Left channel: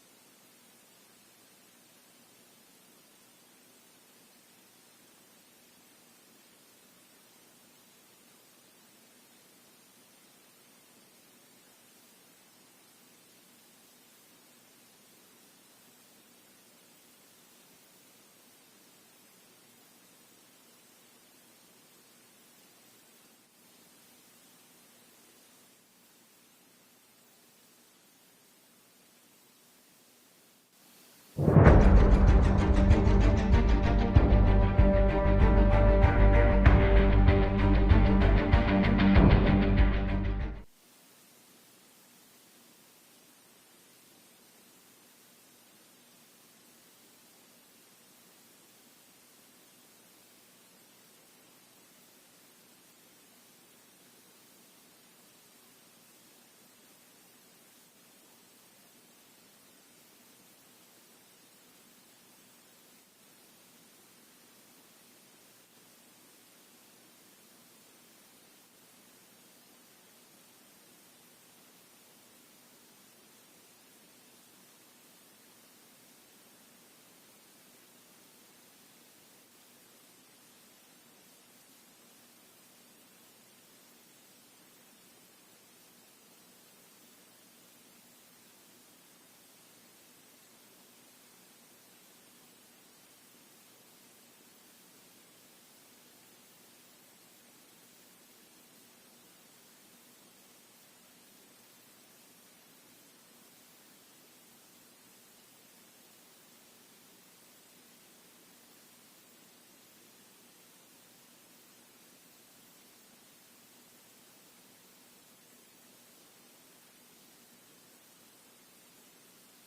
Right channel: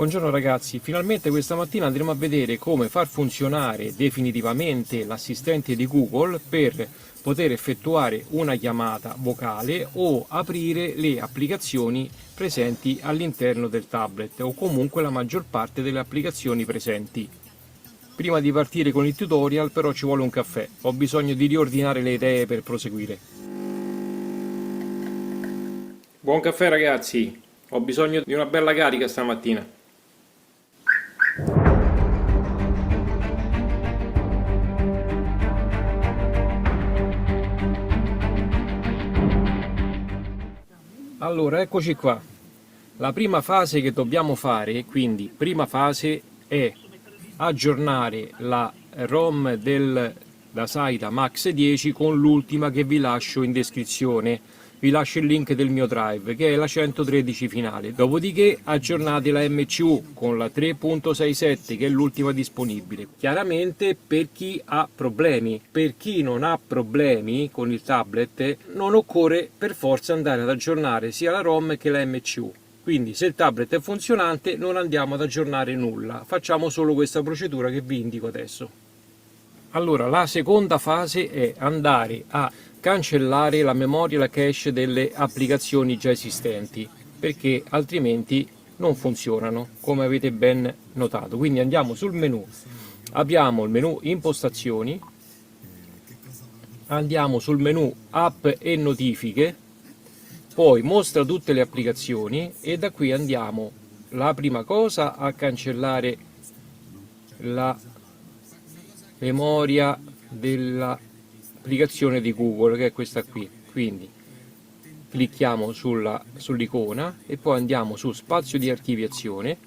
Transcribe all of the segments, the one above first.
Buongiorno ragazzi, finalmente questa mattina andremo a vedere come far funzionare definitivamente l'assistente di Google per poter effettuare una chiamata vocale o aprire le applicazioni presenti all'interno del tablet o comunque la maggior parte delle applicazioni presenti. Prima di partire con il tutorial però ci vuole un caffè, ho bisogno di riordinare le idee per proseguire. Buon caffè ragazzi, ho bisogno di una bella carica stamattina. Allora, eccoci qua. La prima fase che dobbiamo fare, quindi prima fase, è aggiornare la ROM del Dasaita Max 10 con l'ultima che vi lascio in descrizione. Vi lascio il link del mio drive che è la 113 finale. Dopodiché aggiornate la MCU con la 3.67 che è l'ultima disponibile. Chiaramente per chi ha problemi. Per chi non ha problemi con il tablet non occorre per forza andare ad aggiornare sia la ROM che la MCU. Quindi se il tablet è funzionante non andiamo ad aggiornare nulla, facciamo solo questa procedura che vi indico adesso. Allora, la seconda fase è andare a cancellare la memoria e la cache delle applicazioni già esistenti, perché altrimenti non funzionano, come avete ben notato. Quindi andiamo sul menu, abbiamo il menu impostazioni, andiamo sul menu app e notifiche, poi mostra tutte le applicazioni e da qui andiamo la prima cosa a cancellare la memoria dell'applicazione di Google, che è questa qui. Quindi clicchiamo sull'icona e poi andiamo su spazio di archiviazione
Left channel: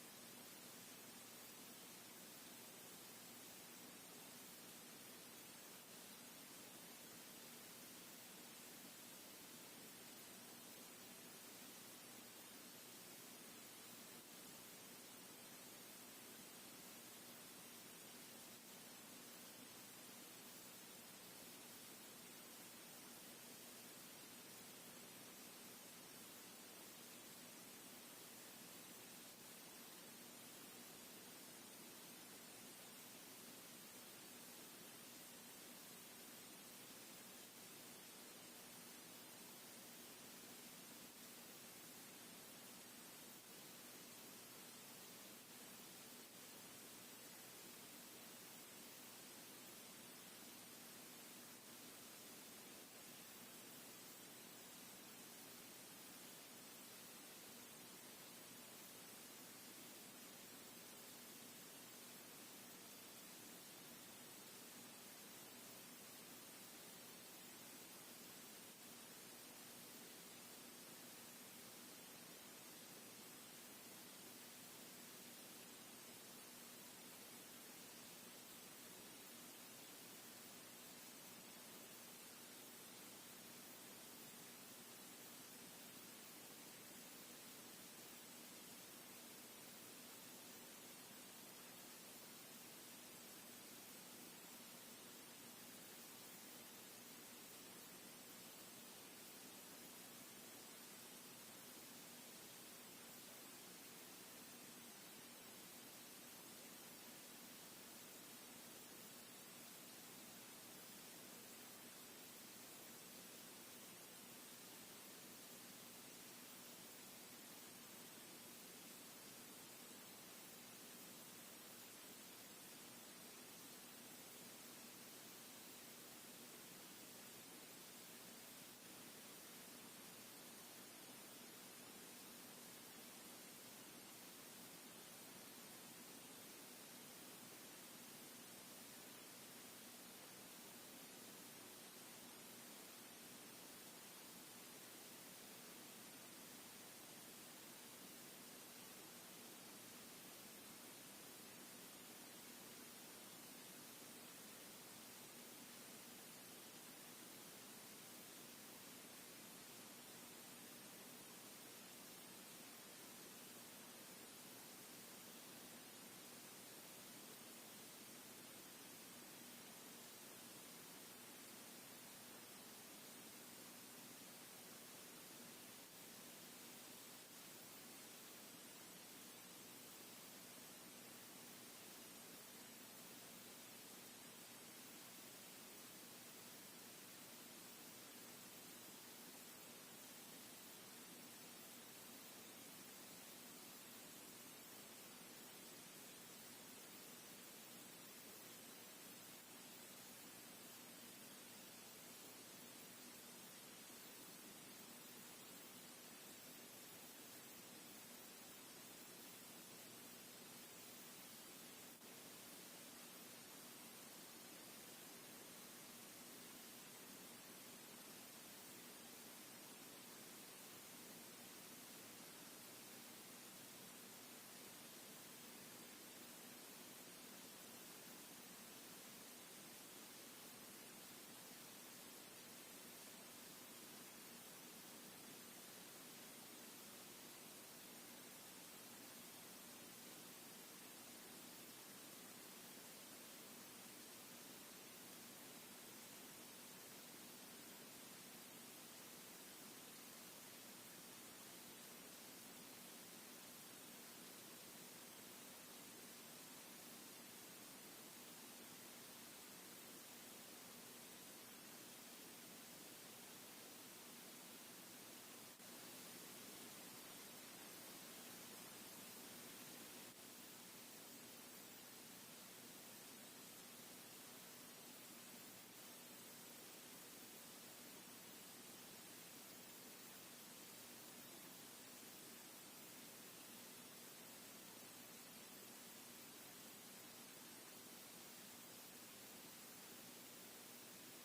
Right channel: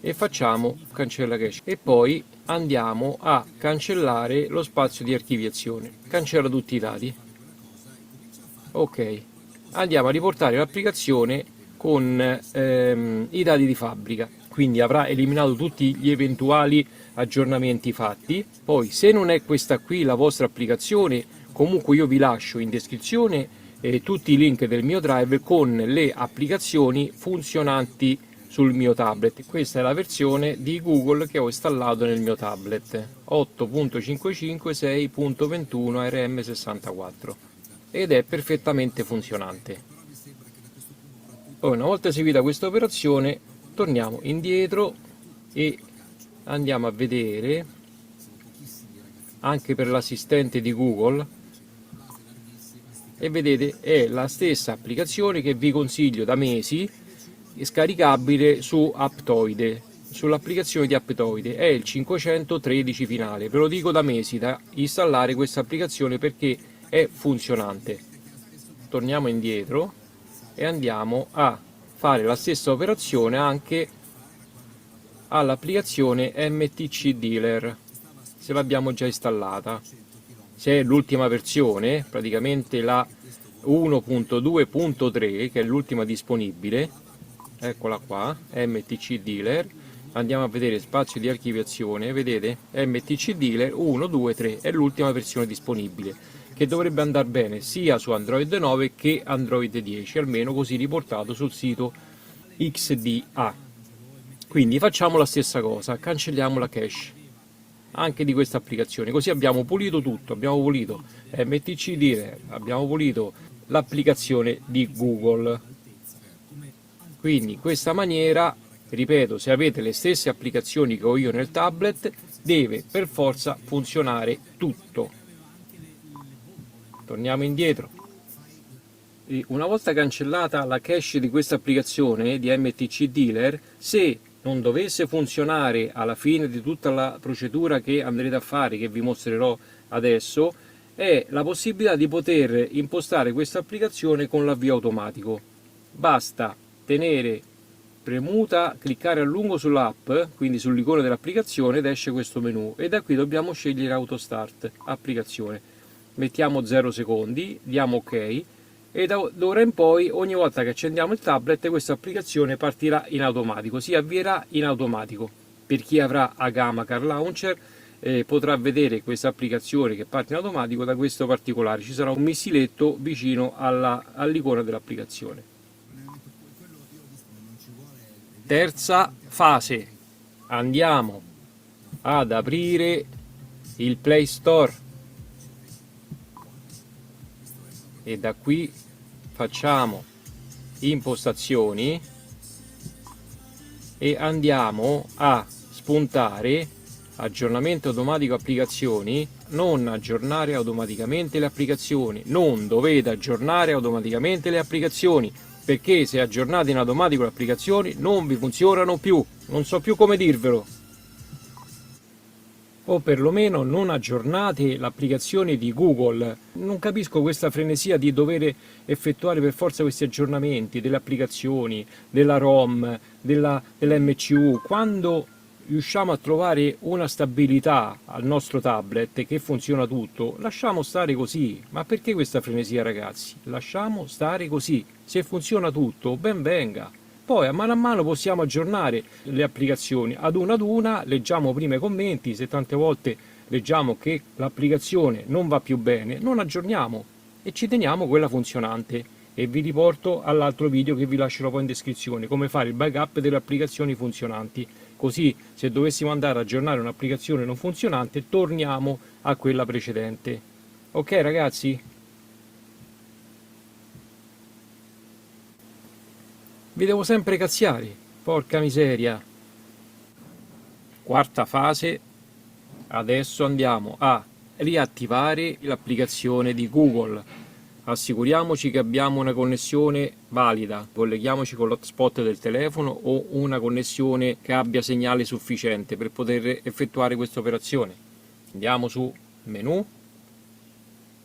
e facciamo cancella cache e poi andiamo a cancellare lo spazio di archiviazione, cancella tutti i dati. Ok, andiamo a riportare l'applicazione con i dati di fabbrica, quindi avrà eliminato tutti gli eventuali aggiornamenti fatti. Poi se non è questa qui la vostra applicazione, comunque io vi lascio in descrizione tutti i link del mio drive con le applicazioni funzionanti sul mio tablet. Questa è la versione di Google che ho installato nel mio tablet 8.556.21 RM64 ed è perfettamente funzionante. Poi una volta eseguita questa operazione torniamo indietro e andiamo a vedere anche per l'assistente di Google e vedete è la stessa applicazione che vi consiglio da mesi, scaricabile su Aptoide, sull'applicazione di Aptoide, è il 513 finale. Ve lo dico da mesi da installare questa applicazione perché è funzionante. Torniamo indietro e andiamo a fare la stessa operazione anche all'applicazione MTC Dealer se l'abbiamo già installata. Se è l'ultima versione, praticamente la 1.2.3 che è l'ultima disponibile, eccola qua, MTC Dealer, andiamo a vedere spazio di archiviazione, vedete MTC Dealer 1, 2, 3 è l'ultima versione disponibile che dovrebbe andare bene sia su Android 9 che Android 10, almeno così riportato sul sito XDA. Quindi facciamo la stessa cosa, cancelliamo la cache anche di questa applicazione, così abbiamo pulito tutto, abbiamo pulito MTC Dealer, abbiamo pulito l'applicazione di Google. Quindi in questa maniera, ripeto, se avete le stesse applicazioni che ho io nel tablet, deve per forza funzionare tutto. Torniamo indietro. E una volta cancellata la cache di questa applicazione di MTC Dealer, se non dovesse funzionare alla fine di tutta la procedura che andrete a fare, che vi mostrerò adesso, è la possibilità di poter impostare questa applicazione con l'avvio automatico. Basta tenere premuta, cliccare a lungo sull'app, quindi sull'icona dell'applicazione, ed esce questo menu e da qui dobbiamo scegliere Auto Start applicazione. Mettiamo 0 secondi, diamo ok e da ora in poi ogni volta che accendiamo il tablet questa applicazione partirà in automatico, si avvierà in automatico. Per chi avrà Agama Car Launcher potrà vedere questa applicazione che parte in automatico da questo particolare, ci sarà un missiletto vicino all'icona dell'applicazione. Terza fase, andiamo ad aprire il Play Store e da qui facciamo impostazioni e andiamo a spuntare aggiornamento automatico applicazioni. Non aggiornare automaticamente le applicazioni, non dovete aggiornare automaticamente le applicazioni, perché se aggiornate in automatico le applicazioni non vi funzionano più, non so più come dirvelo. O perlomeno non aggiornate l'applicazione di Google. Non capisco questa frenesia di dover effettuare per forza questi aggiornamenti delle applicazioni, della ROM, dell'MCU, quando riusciamo a trovare una stabilità al nostro tablet che funziona tutto, lasciamo stare così. Ma perché questa frenesia, ragazzi? Lasciamo stare così. Se funziona tutto, ben venga. Poi a mano possiamo aggiornare le applicazioni ad una, leggiamo prima i commenti, se tante volte leggiamo che l'applicazione non va più bene, non aggiorniamo e ci teniamo quella funzionante. E vi riporto all'altro video che vi lascerò poi in descrizione, come fare il backup delle applicazioni funzionanti. Così se dovessimo andare ad aggiornare un'applicazione non funzionante, torniamo a quella precedente. Ok ragazzi? Vi devo sempre cazziare, porca miseria. Quarta fase, adesso andiamo a riattivare l'applicazione di Google. Assicuriamoci che abbiamo una connessione valida, colleghiamoci con l'hotspot del telefono o una connessione che abbia segnale sufficiente per poter effettuare questa operazione. Andiamo su menu,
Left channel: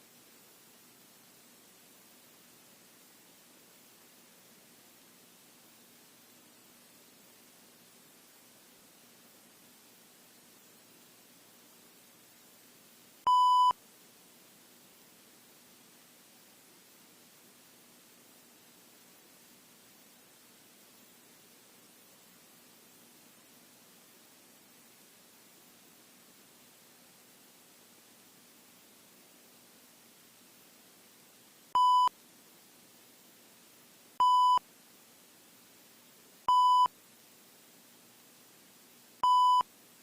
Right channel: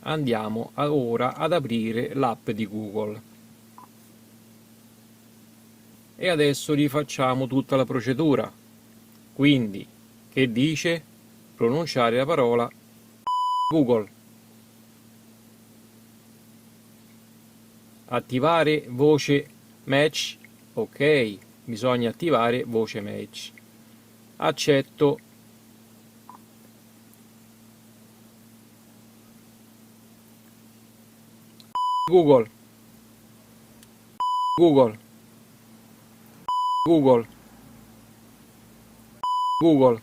andiamo ora ad aprire l'app di Google. E adesso rifacciamo tutta la procedura. Quindi, che dice? Pronunciare la parola Google. Attivare voce match. Ok, bisogna attivare voce match. Accetto. Google. Google. Google. Google.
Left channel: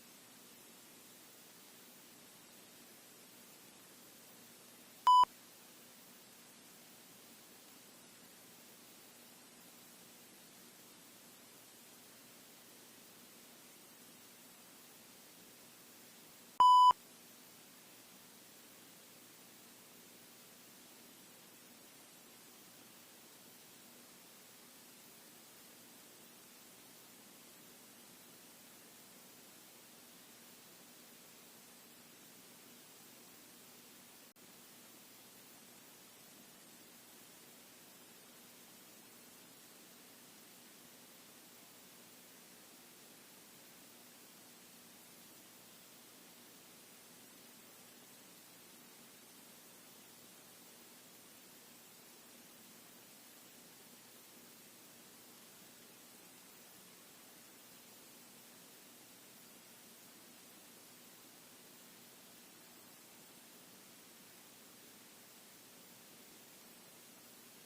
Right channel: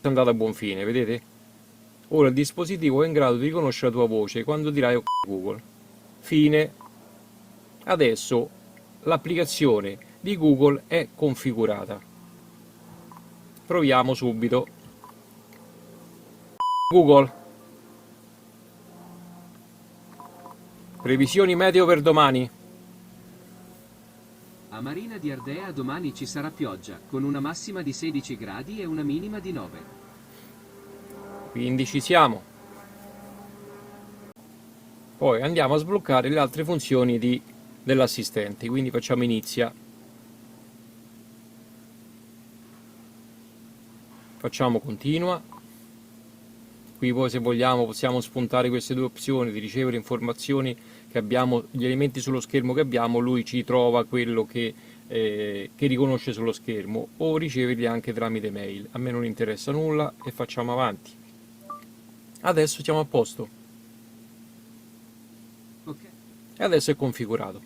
È andata a buon fine, vedete? Ora il dispositivo è in grado di riconoscere la tua voce quando dirai ok Google. Fine. Adesso l'applicazione di Google è configurata. Proviamo subito. Google. Previsioni meteo per domani. A Marina di Ardea domani ci sarà pioggia, con una massima di 16 gradi e una minima di 9. Quindi ci siamo. Poi andiamo a sbloccare le altre funzioni dell'assistente. Quindi facciamo inizia. Facciamo continua. Qui poi se vogliamo possiamo spuntare queste due opzioni di ricevere informazioni che abbiamo, gli elementi sullo schermo che abbiamo, lui ci trova quello che riconosce sullo schermo, o riceverli anche tramite mail. A me non interessa nulla e facciamo avanti. Adesso siamo a posto. Ok. E adesso è configurato.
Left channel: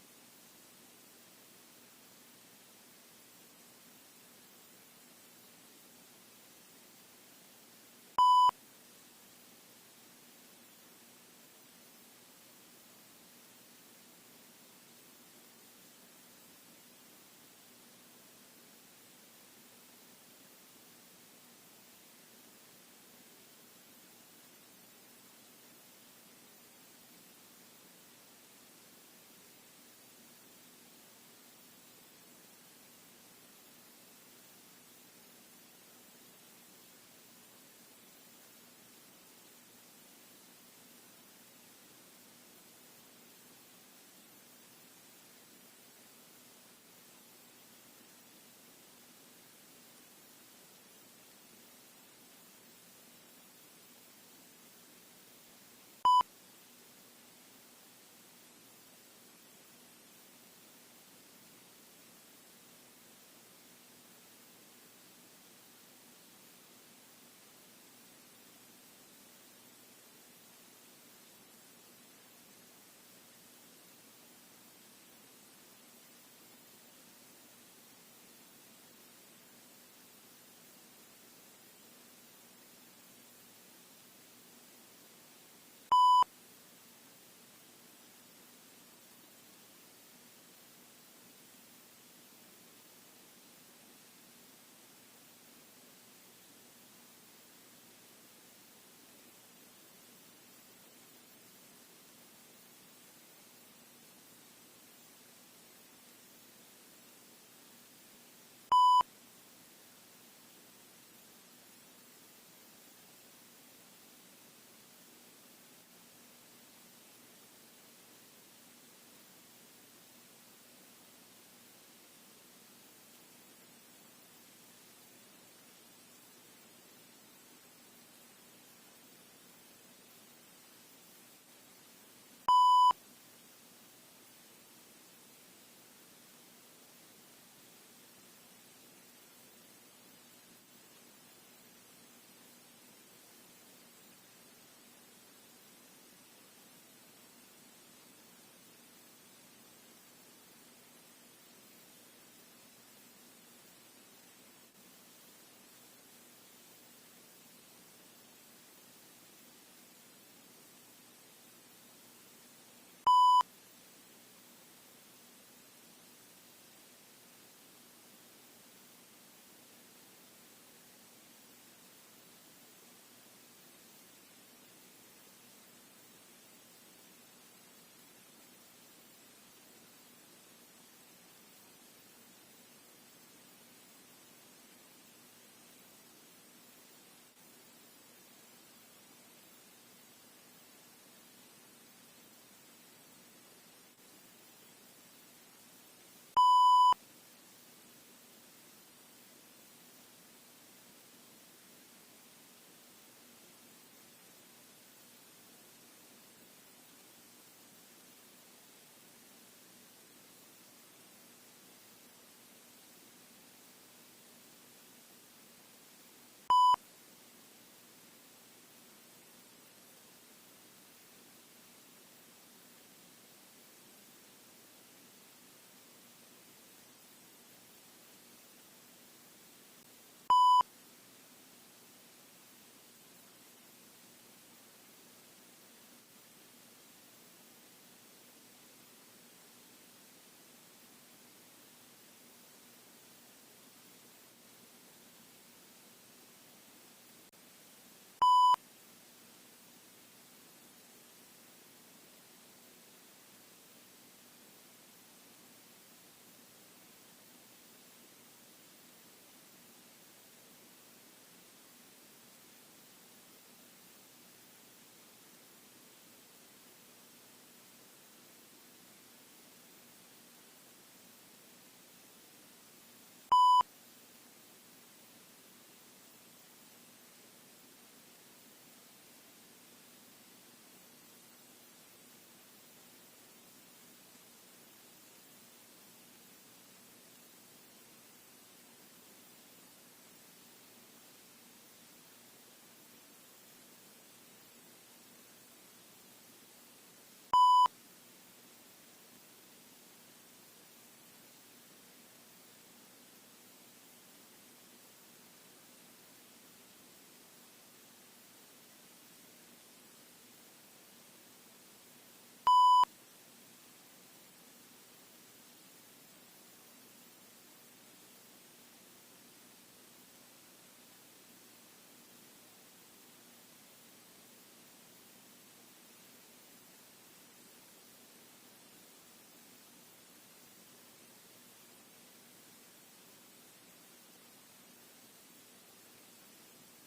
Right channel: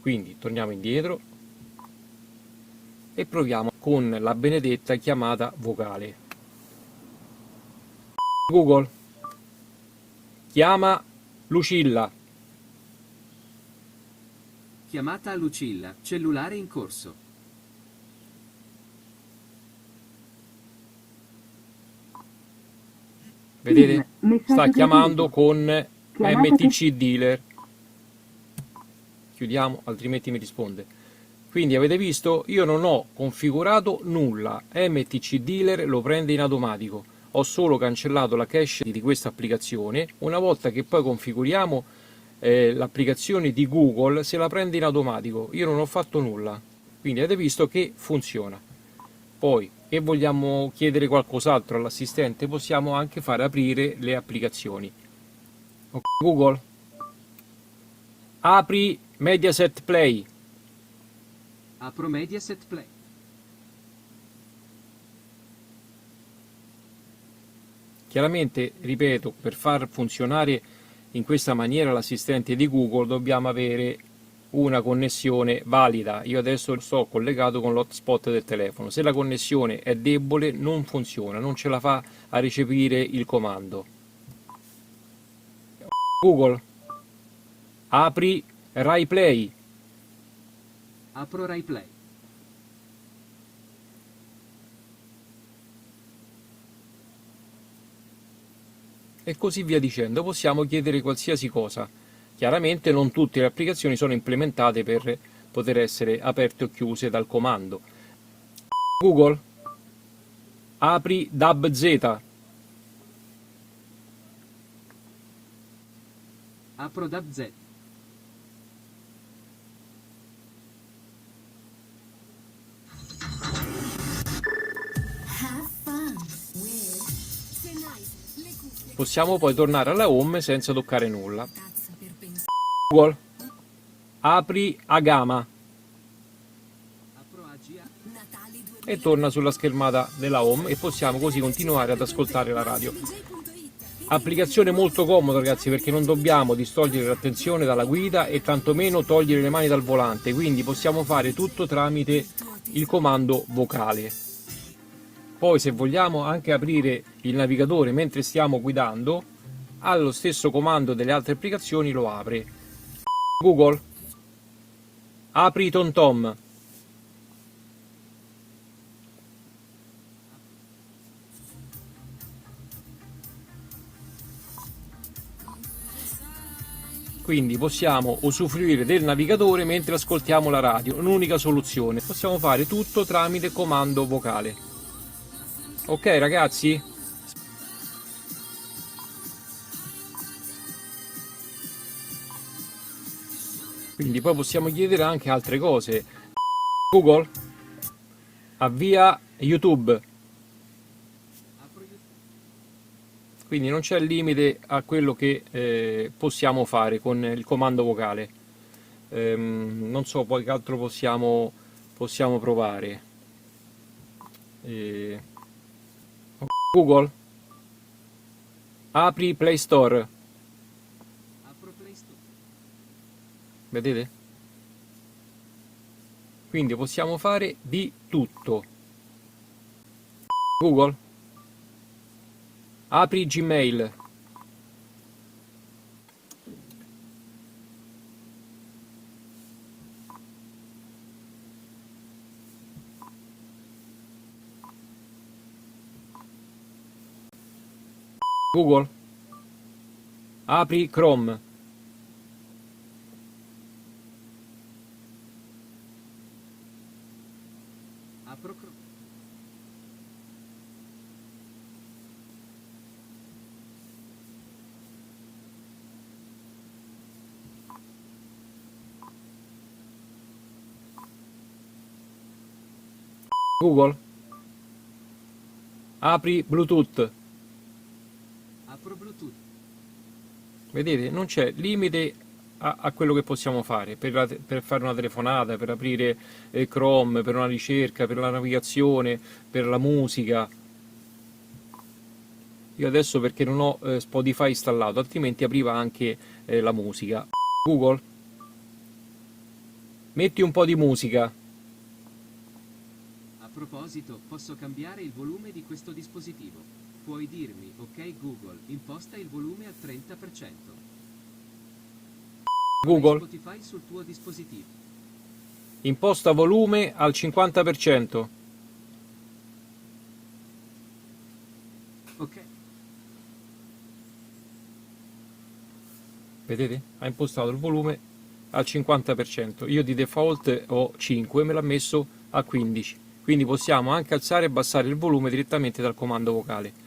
Quindi torniamo indietro e proviamo con la benedetta chiamata vocale. Google, chiama Lucilla. Chiamata a Lucilla, cellulare in corso. Vedete? Sta chiamando con MTC Dealer. Chiudiamo, altrimenti mi risponde. Quindi avete visto? Io non ho configurato nulla. MTC Dealer lo prende in automatico. Ho solo cancellato la cache di questa applicazione. Una volta che poi configuriamo l'applicazione di Google, se la prende in automatico. Io non ho fatto nulla. Quindi avete visto che funziona. Poi, se vogliamo chiedere qualcos'altro all'assistente, possiamo anche fare aprire le applicazioni. Ok, Google, apri Mediaset Play. Apro Mediaset Play. Chiaramente, ripeto, per far funzionare in questa maniera l'assistente di Google dobbiamo avere una connessione valida. Io adesso sto collegato con l'hotspot del telefono. Se la connessione è debole non funziona, non ce la fa a recepire il comando. Google, apri Rai Play. Apro Rai Play. E così via dicendo. Possiamo chiedere qualsiasi cosa. Chiaramente non tutte le applicazioni sono implementate per poter essere aperte o chiuse dal comando. Google, apri DABZ. Apro DABZ. Possiamo poi tornare alla home senza toccare nulla. Google, apri Agama Apro AGA. e torna sulla schermata della home e possiamo così continuare ad ascoltare la radio. Applicazione molto comoda, ragazzi, perché non dobbiamo distogliere l'attenzione dalla guida e tantomeno togliere le mani dal volante, quindi possiamo fare tutto tramite il comando vocale. Poi se vogliamo anche aprire il navigatore mentre stiamo guidando, allo stesso comando delle altre applicazioni lo apre. Google, apri TomTom. Quindi possiamo usufruire del navigatore mentre ascoltiamo la radio, un'unica soluzione. Possiamo fare tutto tramite comando vocale. Ok ragazzi? Quindi poi possiamo chiedere anche altre cose. Google, avvia YouTube. Apro YouTube. Quindi non c'è limite a quello che possiamo fare con il comando vocale. Non so poi che altro possiamo provare. Eh, Google, apri Play Store. Apro Play Store. Vedete? Quindi possiamo fare di tutto. Google, apri Gmail. Google, apri Chrome. Apro Chrome. Google, apri Bluetooth. Apro Bluetooth. Vedete, non c'è limite a quello che possiamo fare per fare una telefonata, per aprire Chrome, per una ricerca, per la navigazione, per la musica. Io adesso perché non ho Spotify installato, altrimenti apriva anche la musica. Google, metti un po' di musica. A proposito, posso cambiare il volume di questo dispositivo. Puoi dirmi, ok Google, imposta il volume al 30%. Google, Spotify sul tuo dispositivo. imposta volume al 50%. Ok. Vedete? Ha impostato il volume al 50%. Io di default ho 5, me l'ha messo a 15. Quindi possiamo anche alzare e abbassare il volume direttamente dal comando vocale.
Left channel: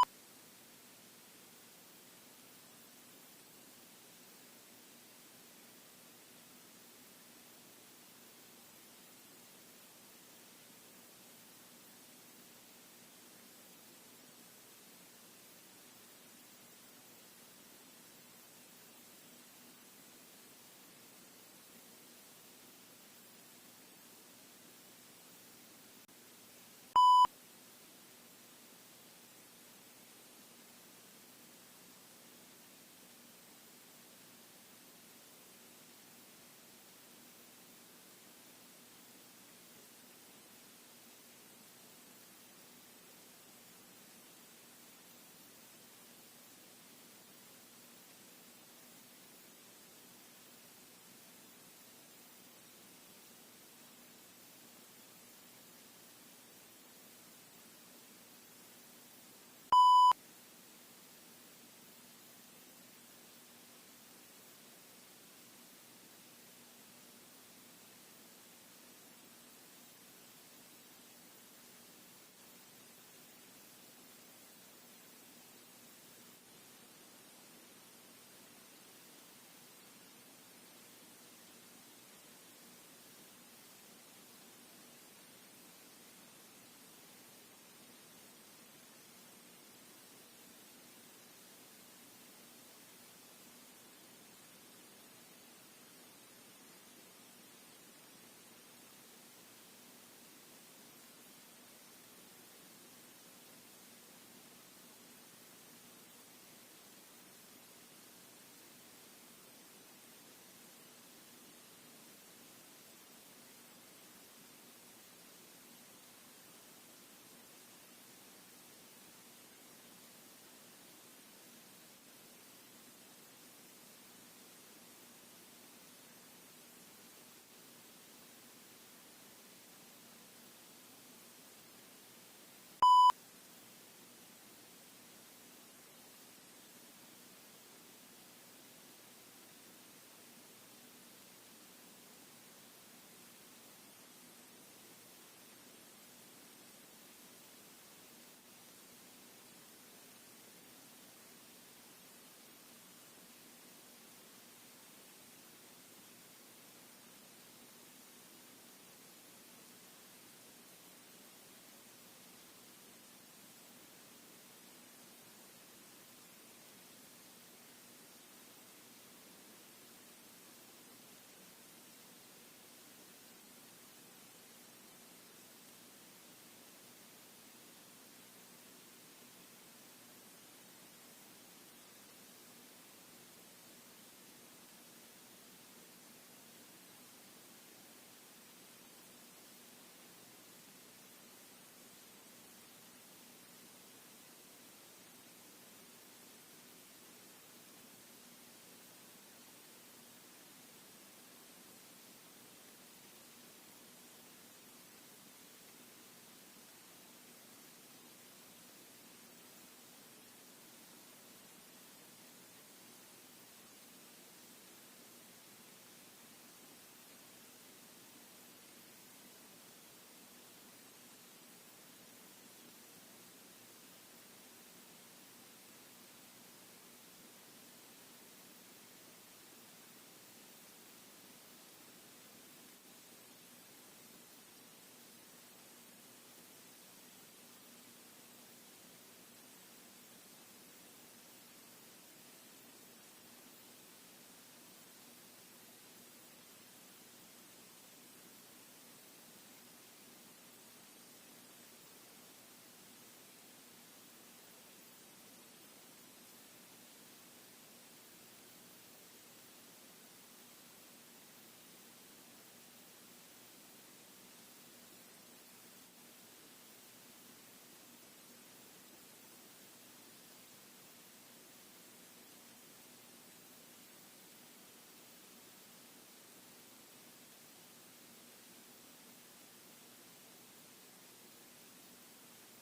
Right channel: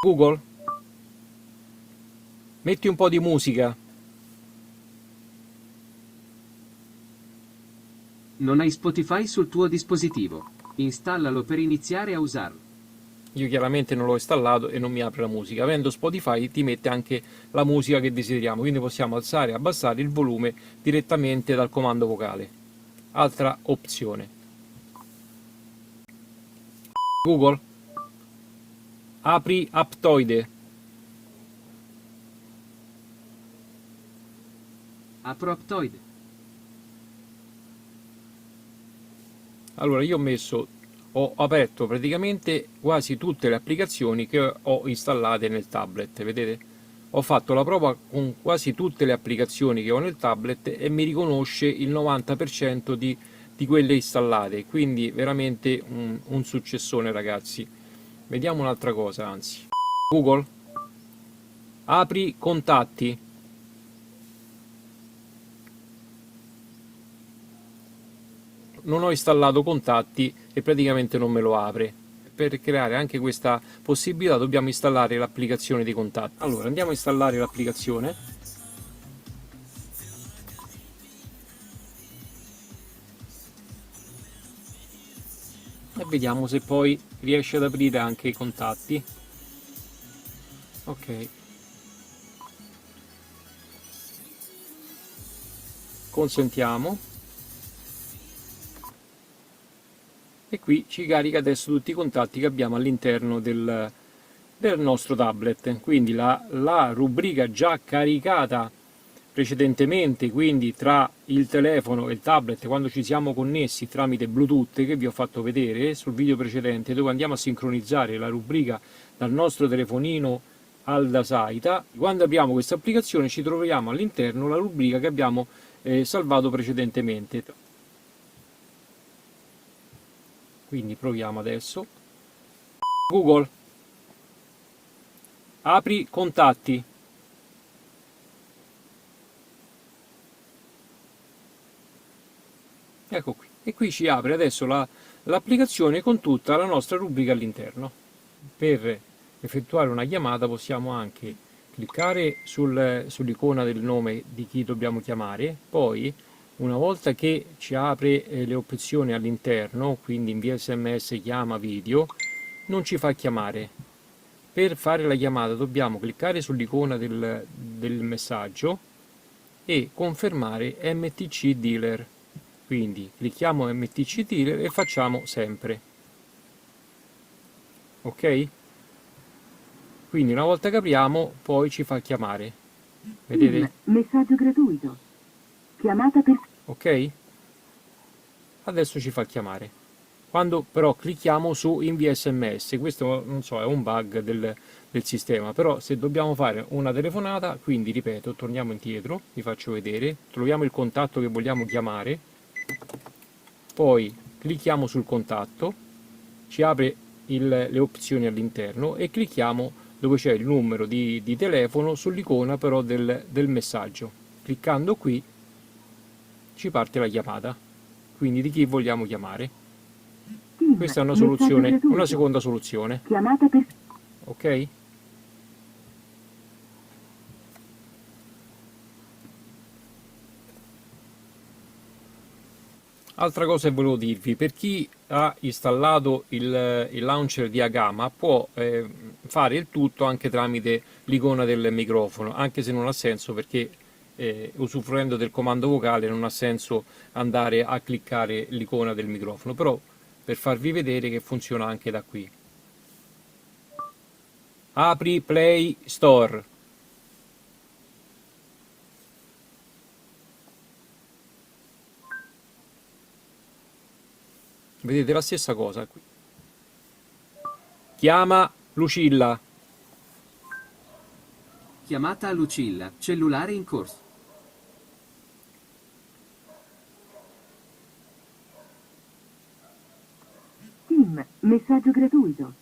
Google, metti un po' di musica. Non hai Spotify sul tuo dispositivo. Installalo per iniziare a usarlo. Io chiaramente non l'ho installato e non mi apre la musica. Avendo Spotify ti mette anche la musica che desideriamo, quindi possiamo alzare e abbassare il volume direttamente dal comando vocale. Altra opzione. Google, apri Aptoide. Apro Aptoide. Allora io ho aperto praticamente quasi tutte le applicazioni che ho installate nel tablet, vedete? Ho fatto la prova con quasi tutte le applicazioni che ho nel tablet e mi riconosce il 90% di quelle installate, quindi veramente un successone, ragazzi. Vediamo un'altra cosa, anzi. Google, apri contatti. Non ho installato contatti e praticamente non me lo apre. Per creare anche questa possibilità dobbiamo installare l'applicazione di contatti. Allora andiamo a installare l'applicazione e vediamo se poi riesce ad aprire anche i contatti. Ok, consentiamo e qui ci carica adesso tutti i contatti che abbiamo all'interno del nostro tablet. Quindi la rubrica già caricata precedentemente, quindi tra il telefono e il tablet quando ci siamo connessi tramite Bluetooth, che vi ho fatto vedere sul video precedente, dove andiamo a sincronizzare la rubrica dal nostro telefonino al Dasaita. Quando apriamo questa applicazione ci troviamo all'interno la rubrica che abbiamo salvato precedentemente. Quindi proviamo adesso. Google, apri contatti. Ecco qui. E qui ci apre adesso l'applicazione con tutta la nostra rubrica all'interno. Per effettuare una chiamata possiamo anche cliccare sull'icona del nome di chi dobbiamo chiamare, poi una volta che ci apre le opzioni all'interno, quindi invia SMS, chiama, video, non ci fa chiamare. Per fare la chiamata dobbiamo cliccare sull'icona del messaggio e confermare MTC Dealer. Quindi clicchiamo MTC Dealer e facciamo sempre. Ok? Quindi una volta che apriamo poi ci fa chiamare. Vedete? Messaggio gratuito. Chiamata per... Ok? Adesso ci fa chiamare. Quando però clicchiamo su invia SMS, questo non so, è un bug del sistema, però se dobbiamo fare una telefonata, quindi ripeto, torniamo indietro, vi faccio vedere, troviamo il contatto che vogliamo chiamare, poi clicchiamo sul contatto, ci apre le opzioni all'interno e clicchiamo dove c'è il numero di telefono sull'icona però del messaggio. Cliccando qui ci parte la chiamata, quindi di chi vogliamo chiamare. Questa è una soluzione, una seconda soluzione. Chiamata per... Ok? Altra cosa che volevo dirvi, per chi ha installato il launcher di Agama può fare il tutto anche tramite l'icona del microfono, anche se non ha senso perché usufruendo del comando vocale non ha senso andare a cliccare l'icona del microfono, però per farvi vedere che funziona anche da qui. Apri Play Store. Vedete la stessa cosa qui. Chiama Lucilla. Chiamata a Lucilla, cellulare in corso. Tim, messaggio gratuito.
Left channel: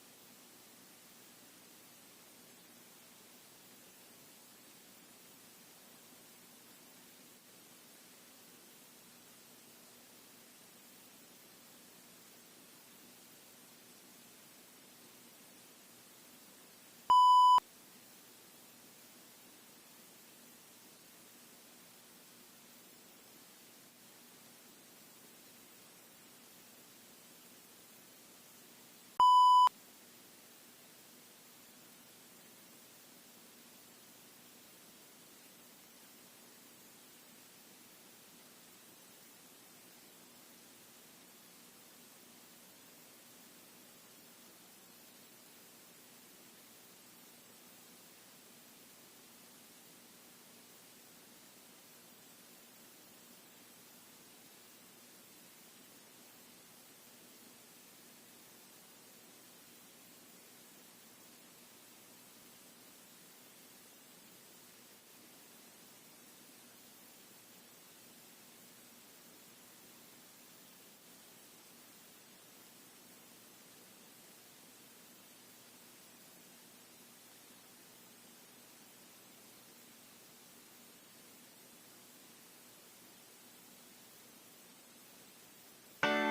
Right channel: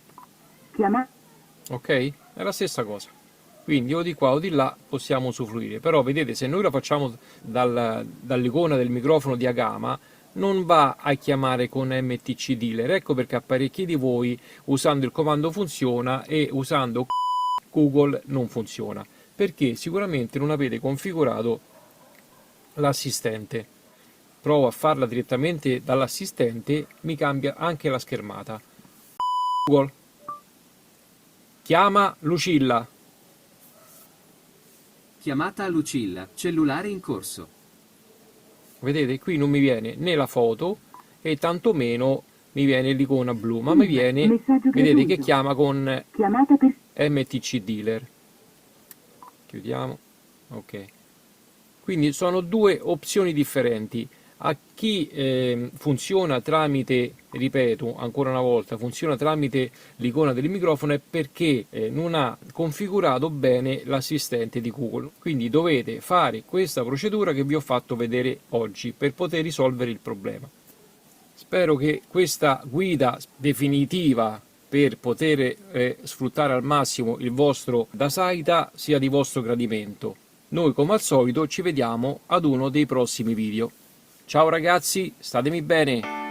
Chiamata... Ok? È la stessa cosa. Quindi o di qua o di là possiamo usufruire. Però vedete, se noi lo facciamo dall'icona del microfono di Agama, non va a chiamare con MTC Dealer. Ecco perché a parecchi di voi usando il comando funziona e usando Google non funziona. Perché sicuramente non avete configurato l'assistente. Provo a farla direttamente dall'assistente, mi cambia anche la schermata. Google, chiama Lucilla. Chiamata a Lucilla, cellulare in corso. Vedete, qui non mi viene né la foto e tantomeno mi viene l'icona blu, ma mi viene, vedete, che chiama con Chiamata per... MTC Dealer. Chiudiamo. Ok. Quindi sono due opzioni differenti. A chi funziona tramite, ripeto ancora una volta, funziona tramite l'icona del microfono è perché non ha configurato bene l'assistente di Google. Quindi dovete fare questa procedura che vi ho fatto vedere oggi per poter risolvere il problema. Spero che questa guida definitiva per poter sfruttare al massimo il vostro Dasaita sia di vostro gradimento. Noi come al solito ci vediamo ad uno dei prossimi video. Ciao ragazzi, statemi bene!